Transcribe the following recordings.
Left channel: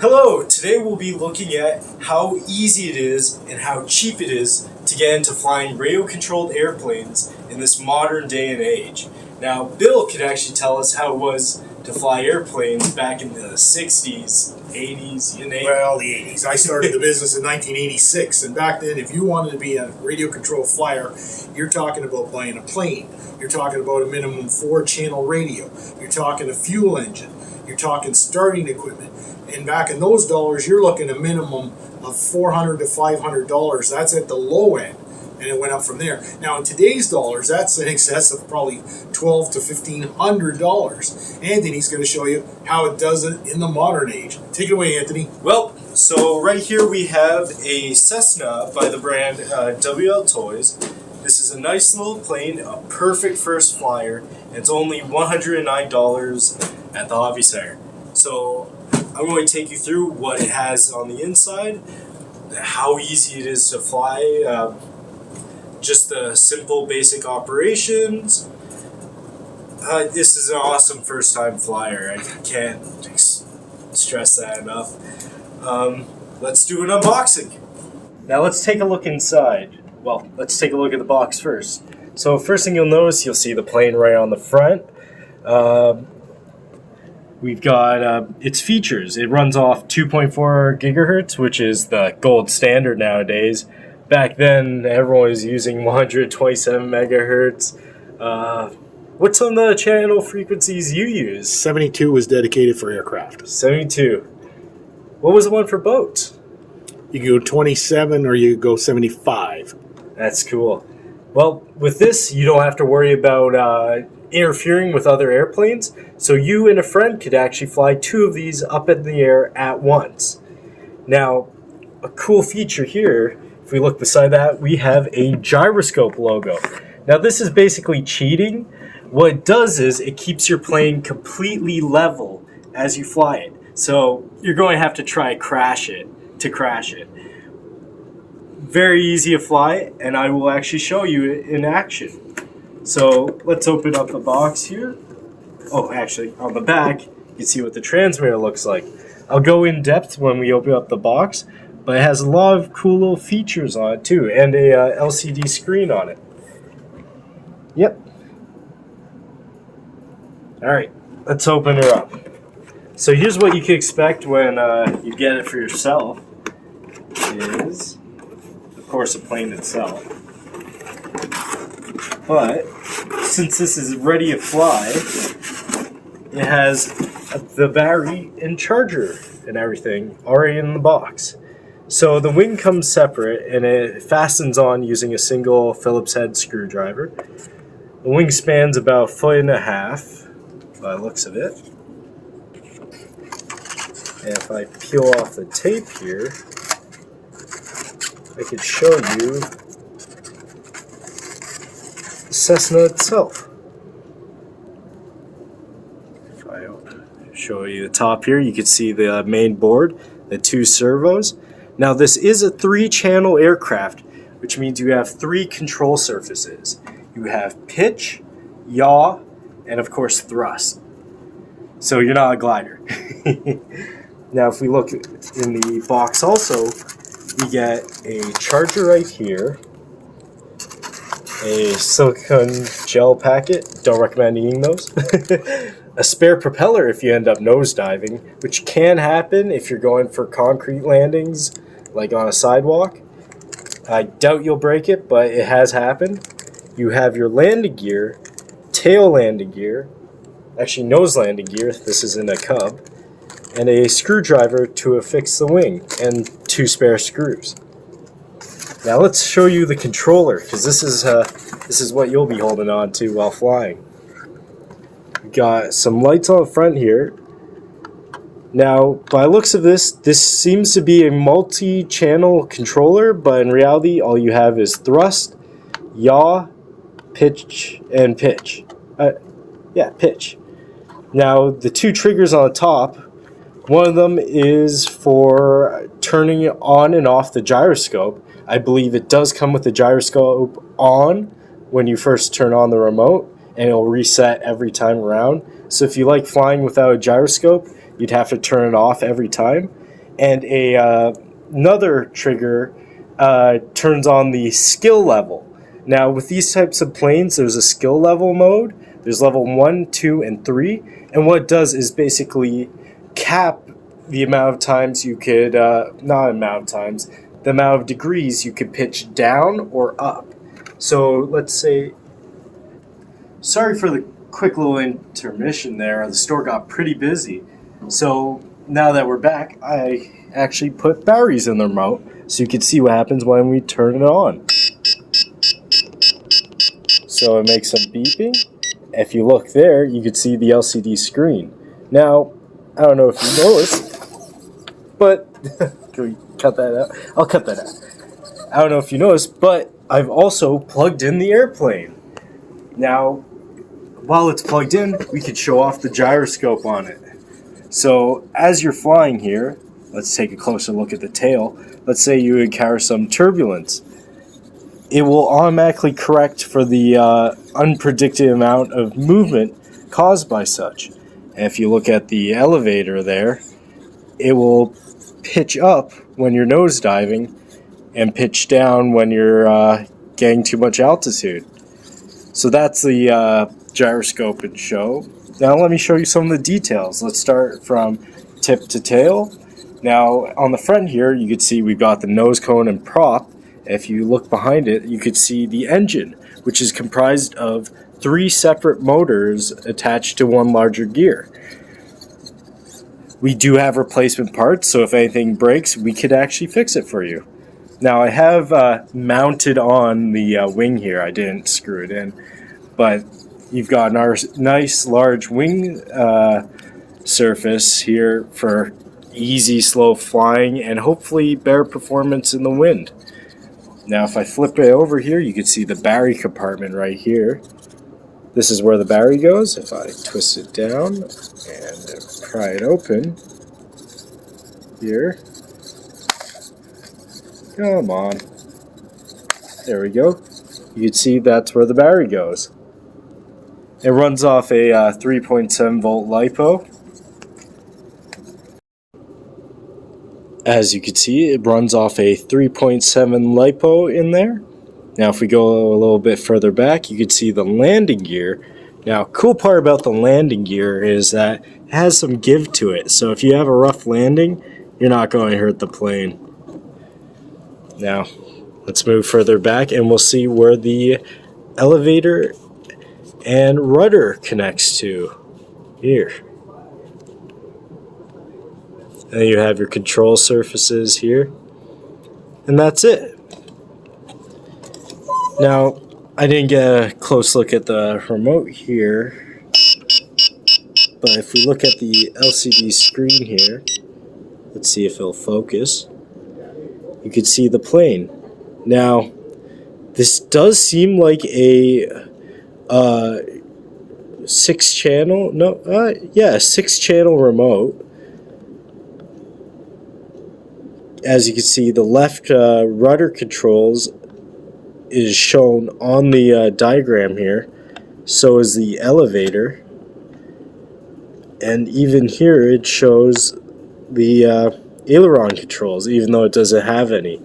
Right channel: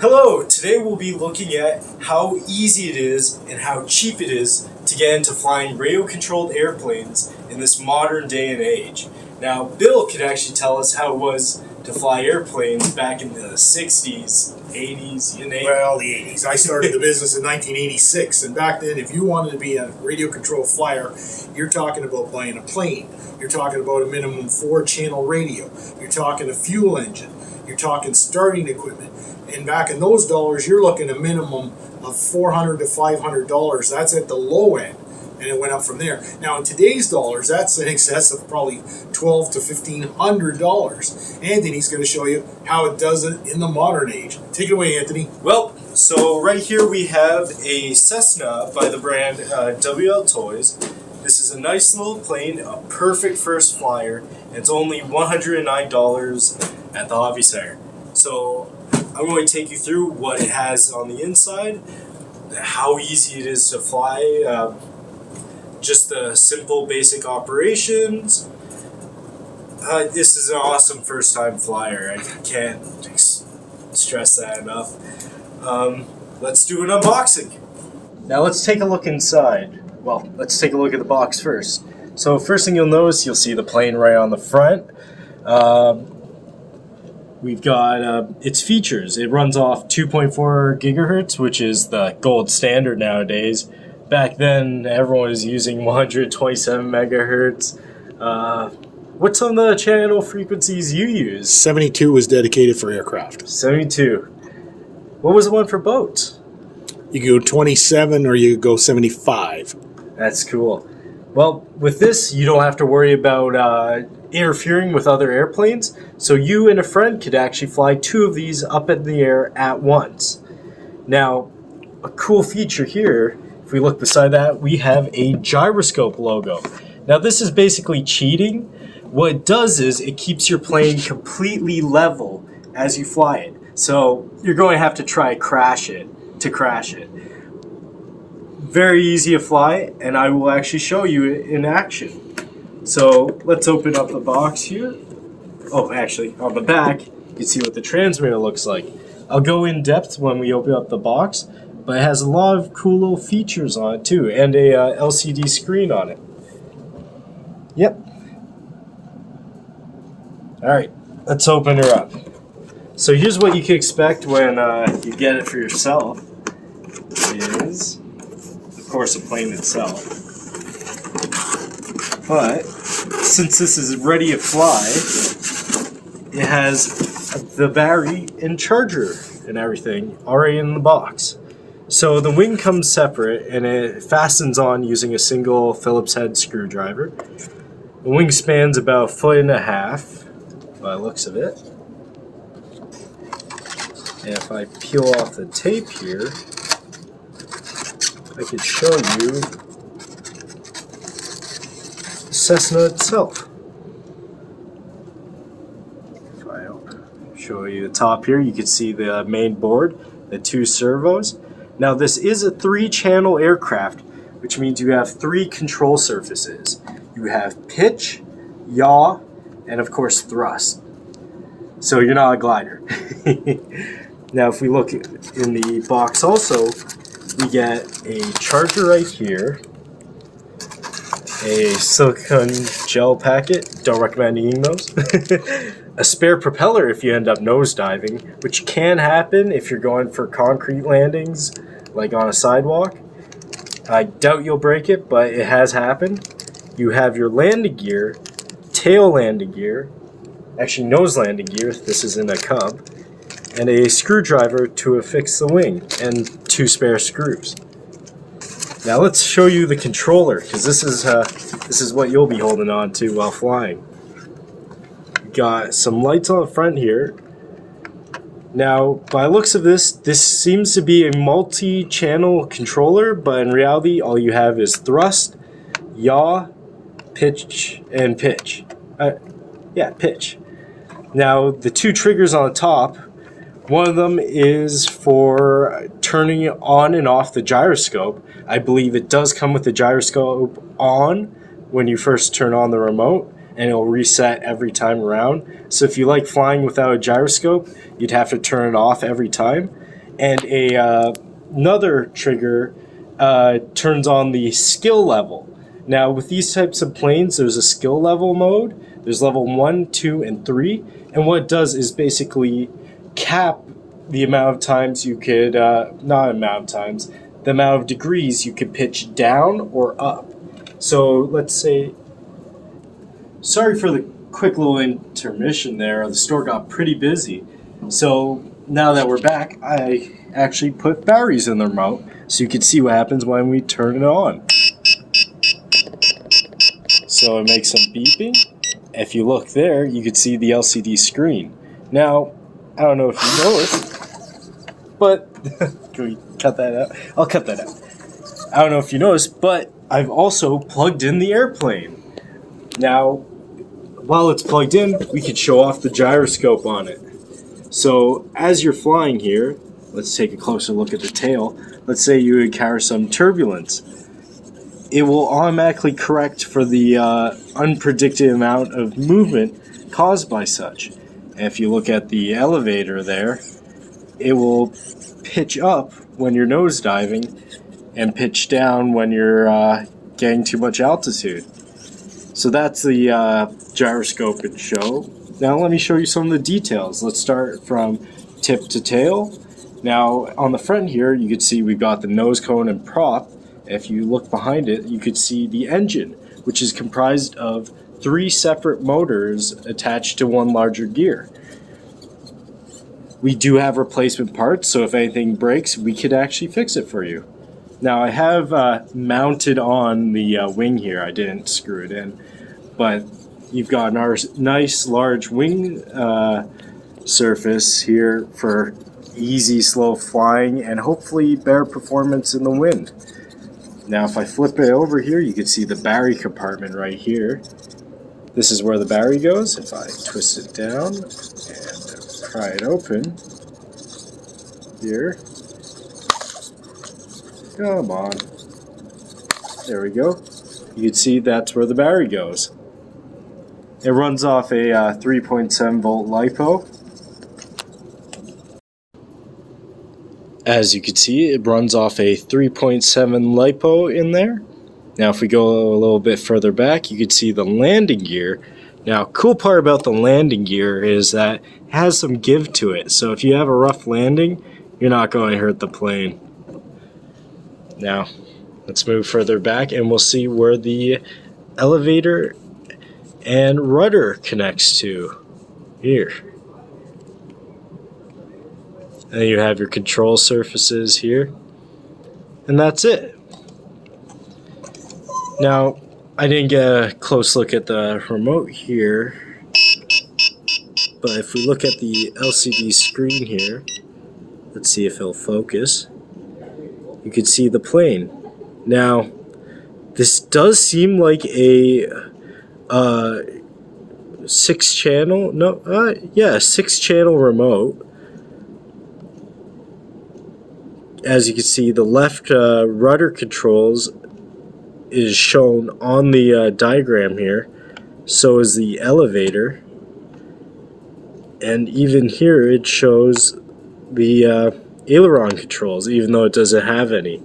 Hello, today we'll be looking at how easy it is and how cheap it is to get into flying radio-controlled airplanes in this modern day and age. Now, Bill could actually tell us how it was to fly airplanes back in the 60s, 80s, you name it. Well, the 80s. I started the business in 1986, and back then, if you wanted to be a radio-controlled flyer, you're talking about buying a plane. You're talking about a minimum 4-channel radio. You're talking a fuel engine. You're talking starting equipment. And back in those dollars, you're looking at a minimum of $400 to $500. That's at the low end, and it went up from there. Now, in today's dollars, that's in excess of probably $1,200 to $1,500. Anthony's going to show you how it does it in the modern age. Take it away, Anthony. Well, so right here we have a Cessna by the brand WL Toys. This is a nice little plane, a perfect first flyer. It's only $109 at the Hobby Center. So I'm going to take you through what it has on the inside, how easy it is to fly, just the simple basic operations. This is an awesome first time flyer. I can't stress that enough. Let's do an unboxing. Now let's take a look inside. Well, let's take a look at the box first. So first thing you'll notice, you'll see the plane right on the front. We've got its features. It runs off 2.4 gigahertz, which is the gold standard nowadays. Back then, everyone was using 127 megahertz. What's some of the channel frequencies you use? 72 is dedicated for aircraft. 72. What was the one for boats? You go 27 or you go 75. That's cool. Well, with this, you don't have to worry about interfering with other airplanes. So you and a friend could actually fly 2 of these up in the air at once. Now, a cool feature here, if we look beside that, we have a gyroscope logo. Now, this is basically cheating. What it does is it keeps your plane completely level as you fly it. So you're going to have to try crash it to crash it. Very easy to fly, and I will actually show you it in action. So let's open up the box here. Oh, actually, on the back, you can see what the transmitter looks like. I'll go in depth when we open up the box, but it has a lot of cool little features on it too, and a LCD screen on it. Yep. Alright, let's open her up. So here's what you can expect when you get it for yourself. Is, of course, the plane itself. But since this is ready to fly, it has the battery and charger and everything already in the box. So the wing comes separate and it fastens on using a single Phillips head screwdriver. The wing spans about 1.5 feet by the looks of it. And if I peel off the tape here, I can show you Cessna itself. If I show you the top here, you can see the main board, the 2 servos. Now this is a 3-channel aircraft, which means you have 3 control surfaces. You have pitch, yaw, and of course thrust. So you're not a glider. Now if we look in the box also, we get a charger right here, a silicone gel packet, don't recommend eating those, a spare propeller if you end up nosediving, which can happen if you're going for concrete landings, like on a sidewalk. I doubt you'll break it, but it has happened. You have your landing gear, tail landing gear, actually nose landing gear, this is in a Cub, and a screwdriver to affix the wing, and 2 spare screws. Now let's show you the controller, because this is what you'll be holding on to while flying. We've got some lights on the front here. Now, by looks of this seems to be a multi-channel controller, but in reality, all you have is thrust, yaw, pitch, and pitch. Pitch. Now, the 2 triggers on the top, one of them is for turning on and off the gyroscope. I believe it does come with the gyroscope on when you first turn on the remote, and it'll reset every time around. So if you like flying without a gyroscope, you'd have to turn it off every time. And another trigger turns on the skill level. Now, with these types of planes, there's a skill level mode. There's level 1, 2, and 3. And what it does is basically cap the amount of times you could, not amount of times, the amount of degrees you could pitch down or up. So let's say, sorry for the quick little intermission there. The store got pretty busy. So now that we're back, I actually put batteries in the remote so you can see what happens when we turn it on. So it makes some beeping. If you look there, you can see the LCD screen. Now, I don't know if you noticed, but can we cut that out? I'll cut that out. I don't know if you noticed, but I've also plugged in the airplane. Now, while it's plugged in, we could show off the gyroscope on it. So as you're flying here, let's take a closer look at the tail. Let's say you encounter some turbulence. It will automatically correct for the unpredicted amount of movement caused by such. And if you look at the elevator there, it will pitch up when you're nosediving and pitch down when you're getting too much altitude. So that's the gyroscope and show. Now let me show you some of the details. Let's start from tip to tail. Now on the front here, you can see we've got the nose cone and prop. If you look behind it, you could see the engine, which is comprised of 3 separate motors attached to one larger gear. We do have replacement parts, so if anything breaks, we could actually fix it for you. Now I have mounted on the wing here. I didn't screw it in, but you've got our nice large wing surface here for easy, slow flying and hopefully better performance in the wind. Now if I flip it over here, you can see the battery compartment right here. This is where the battery goes. If I twist it down and pry it open here. Come on. There we go. You can see that's where the battery goes. It runs off a 3.7 volt LiPo. As you can see, it runs off a 3.7 LiPo in there. Now if we go a little bit further back, you can see the landing gear. Now, cool part about the landing gear is that it has some give to it. So if you have a rough landing, you're not going to hurt the plane. Now, let's move further back and we'll see where the elevator and rudder connects to. Here. And you have your control surfaces here. And that's it. Now, I didn't get a close look at the remote here, but if we look at the LCD screen here, let's see if it'll focus, you can see the plane. Now, this does seem like a 6-channel, yeah, 6-channel remote. As you can see, the left rudder controls is shown on the diagram here. So is the elevator. And even here it shows the aileron controls, even though it doesn't have any.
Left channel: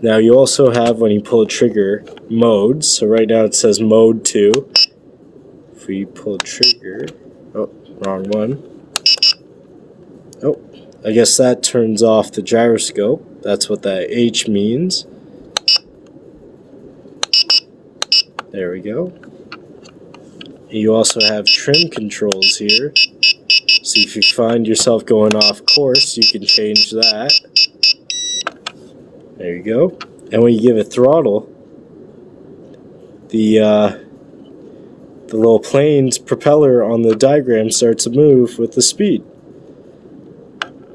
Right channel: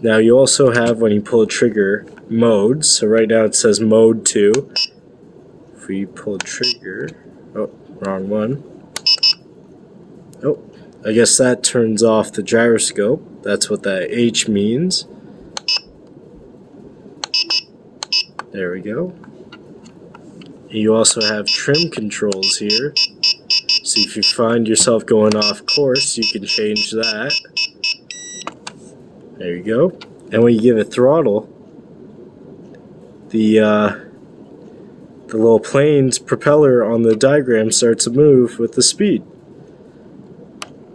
Now you also have, when you pull a trigger, modes. So right now it says mode 2. If we pull a trigger, oh, wrong one. Oh, I guess that turns off the gyroscope. That's what that H means. There we go. You also have trim controls here. So if you find yourself going off course, you can change that. There you go. And when you give it throttle, the little plane's propeller on the diagram starts to move with the speed.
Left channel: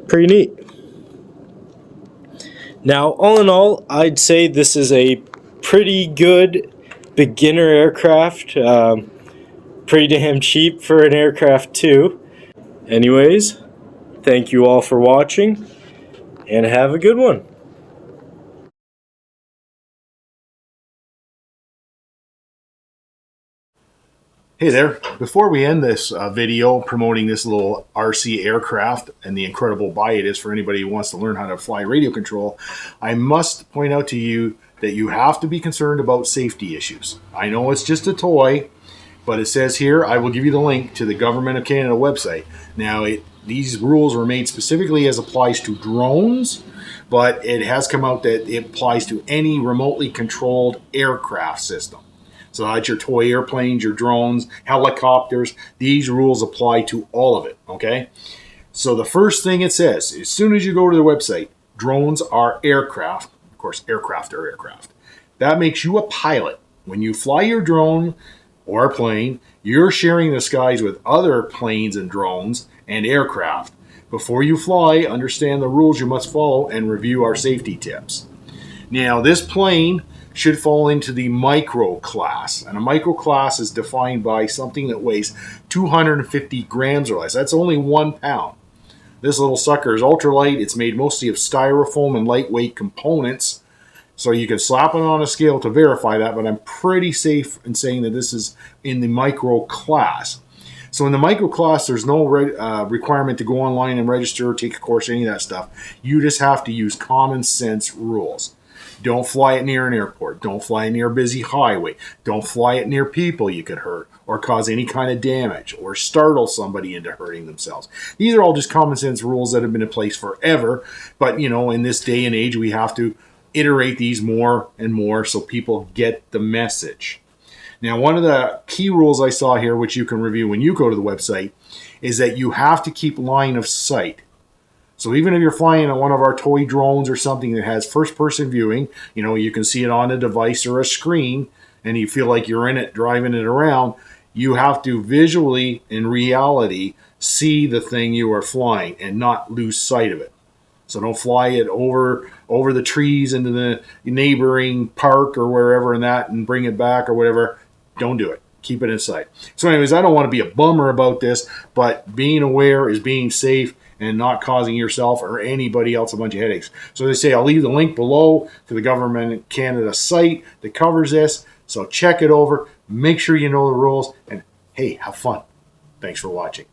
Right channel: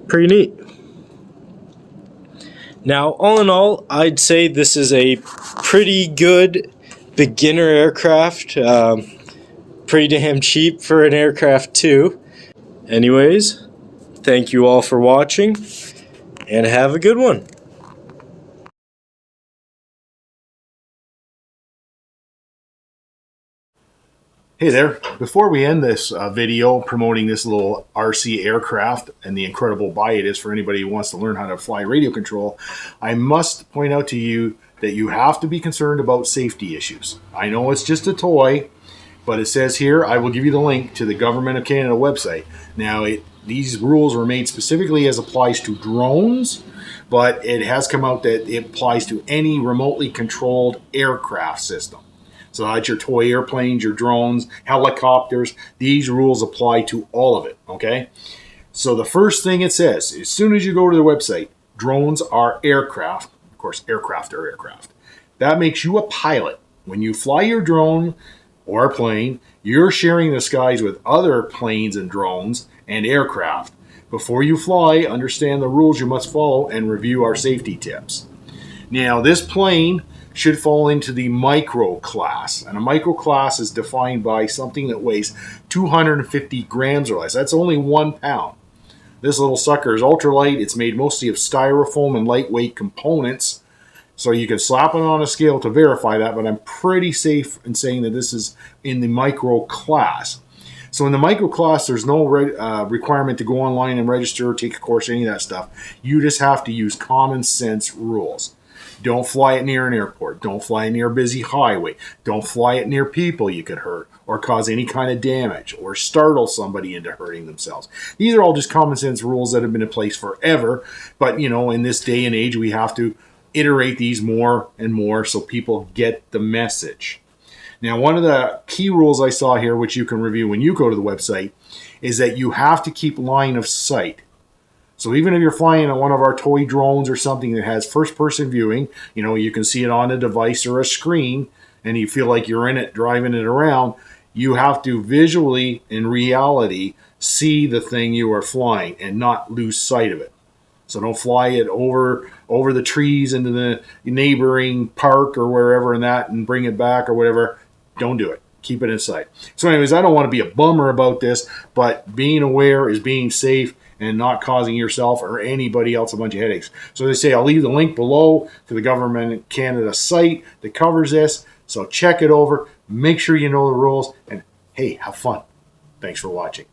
Pretty neat. Now, all in all, I'd say this is a pretty good beginner aircraft. Pretty damn cheap for an aircraft too. Anyways, thank you all for watching, and have a good one. Hey there. Before we end this video promoting this little RC aircraft and the incredible buy it is for anybody who wants to learn how to fly radio control, I must point out to you that you have to be concerned about safety issues. I know it's just a toy, but it says here, I will give you the link to the Government of Canada website. Now, these rules were made specifically as applies to drones, but it has come out that it applies to any remotely controlled aircraft system. So that's your toy airplanes, your drones, helicopters. These rules apply to all of it, okay? So the first thing it says, as soon as you go to the website, drones are aircraft. Of course, aircraft are aircraft. That makes you a pilot. When you fly your drone or plane, you're sharing the skies with other planes and drones and aircraft. Before you fly, understand the rules you must follow and review our safety tips. Now, this plane should fall into the micro class. And a micro class is defined by something that weighs 250 grams or less. That's only 1 pound. This little sucker is ultralight. It's made mostly of styrofoam and lightweight components. So you can slap it on a scale to verify that, but I'm pretty safe in saying that this is in the micro class. So in the micro class, there's no requirement to go online and register or take a course, any of that stuff. You just have to use common sense rules. Don't fly it near an airport. Don't fly it near a busy highway. Don't fly it near people you could hurt or cause any kind of damage or startle somebody into hurting themselves. These are all just common sense rules that have been in place forever. But, you know, in this day and age, we have to iterate these more and more so people get the message. Now, one of the key rules I saw here, which you can review when you go to the website, is that you have to keep line of sight. So even if you're flying on one of our toy drones or something that has first-person viewing, you know, you can see it on a device or a screen, and you feel like you're in it, driving it around, you have to visually, in reality, see the thing you are flying and not lose sight of it. So don't fly it over the trees into the neighboring park or wherever and bring it back or whatever. Don't do it. Keep it in sight. So anyways, I don't want to be a bummer about this, but being aware is being safe and not causing yourself or anybody else a bunch of headaches. So they say I'll leave the link below to the Government of Canada site that covers this. So check it over. Make sure you know the rules. And hey, have fun. Thanks for watching.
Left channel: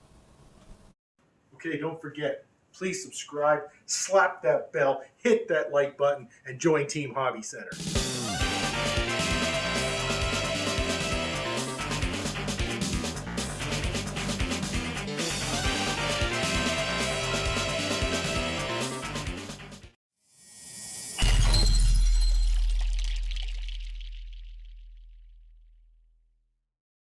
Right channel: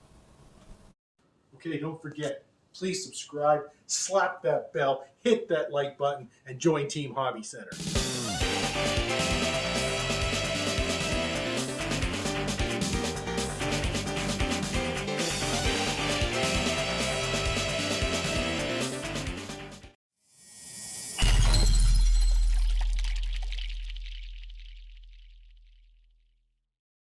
Okay, don't forget, please subscribe, slap that bell, hit that like button, and join Team Hobby Center.